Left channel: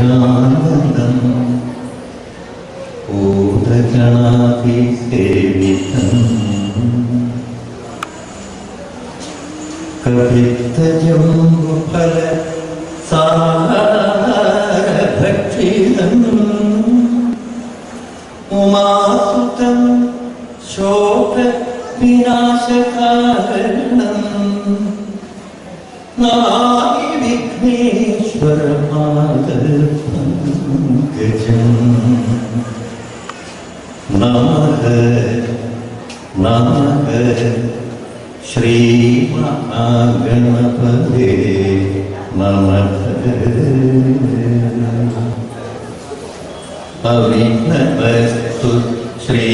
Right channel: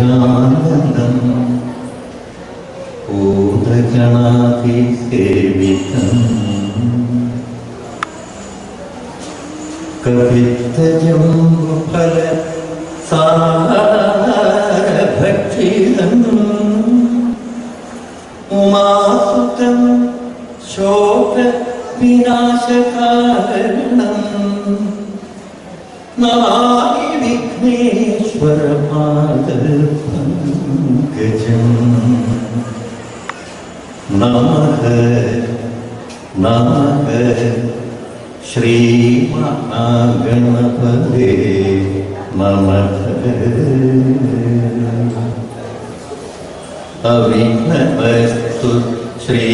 നിത്യാനന്ദം ഭൂതഗണാധിസേവിതം കവിത്തജം ഫല സാരഭക്ഷിതം ഉമാസുതം ശോക വിനാശകാരണം നമാമി വിഘ്നേശ്വരപാദപങ്കജം നമഃ നമഃ ശ്രീ മഹാഗണപതേ നമഃ അവിഘ്നമസ്തു ശ്രീ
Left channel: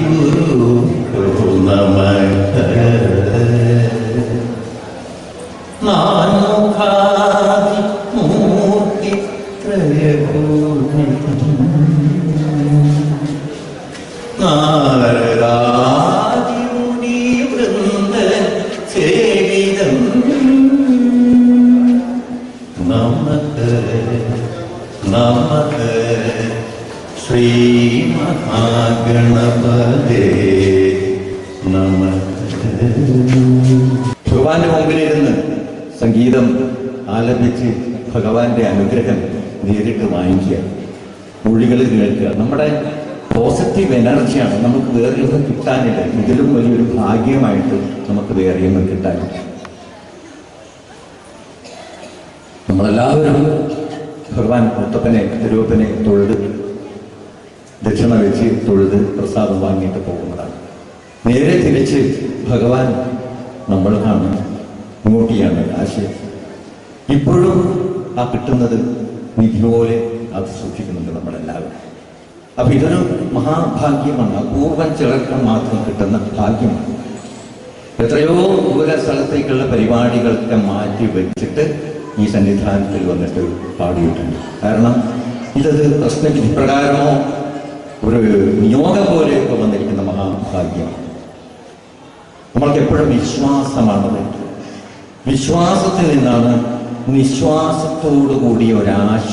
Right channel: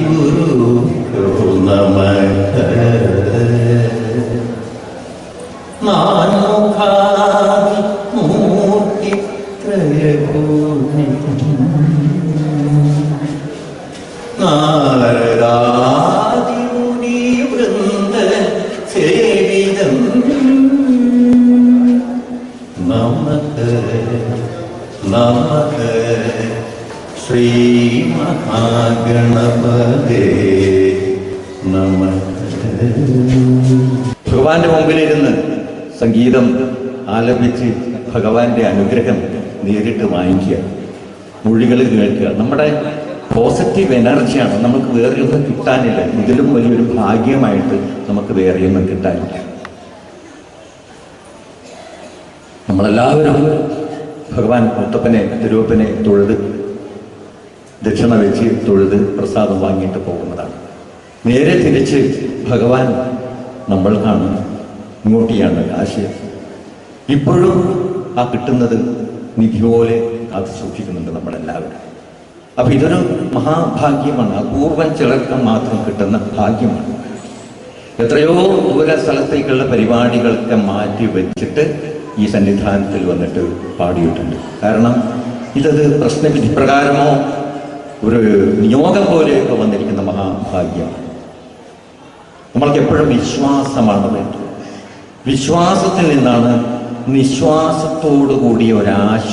ഗുരുഭ്യോ നമഃ നാനോഖാദി മൂർത്തി ത്രയഭൂമി നാരദാദി മുനി വൃന്ദ സേവിതം നമഃ നമഃ ശ്രീ മഹാഗണപതേ നമഃ. ഭഗവാന്റെ മുമ്പിലിരുന്ന് സംഗീതം ആലപിച്ച് ഭഗവാന്റെ അനുഗ്രഹം നേരിട്ട് വാങ്ങിക്കുക, മൊഴികൾ കേൾക്കുക. നമ്മുടെ പോസിറ്റീവ് എനർജിയാണ്. നമുക്ക് വേറെയൊന്നും കിട്ടാനില്ല. ഇതിലും വലിയൊരു ഭാഗ്യമായിട്ട് നമുക്ക് വേറെയൊന്നും കിട്ടാനില്ല. നമ്മളെല്ലാവരും ഭഗവാൻ മുത്തപ്പനെ തിരുവപ്പനെ തൊഴുത് ദക്ഷിണ വെച്ച് തൊഴുത് പ്രസാദം വാങ്ങിയിട്ട് പോകുന്നതാണ്. നേരെ തിരിച്ച് ഭഗവാൻ നമ്മൾക്കാണ്, ഇങ്ങോട്ടിയാണ് ആശയം. ഇപ്പോഴും ആ കിട്ടുന്നത് നിധി പോലെ അത് സൂക്ഷിക്കുന്നുണ്ട് നമ്മളെല്ലാവരും. അപ്പൊ ഇതൊരു മഹാഭാഗ്യമാണ്. അപൂർവം ചിലർക്ക് മാത്രം കിട്ടുന്ന ഭാഗ്യമാണ്. എത്രയോ ദൂര സ്ഥലത്തേക്കുള്ള പരിപാടികളൊക്കെ മാറ്റി വെച്ചിട്ട് ഈ സന്നിധാനത്തിൽ വന്നിട്ട് പാടിയിട്ടുണ്ട്. കാരണം ഇതത് പ്രശ്നവിധി പ്രകാരമോ ഒരു നിയോഗം പോലെയൊക്കെ വന്നിരിക്കുന്ന മഹാഭാഗ്യമാണ്. നമ്മൾക്ക് എപ്പോഴും വിശ്വാസമാണ് വേണ്ടത്. വിശ്വാസത്തിൽ നിന്നാണ് നിശ്വാസത്തോടു കൂടിയ ഒരാശ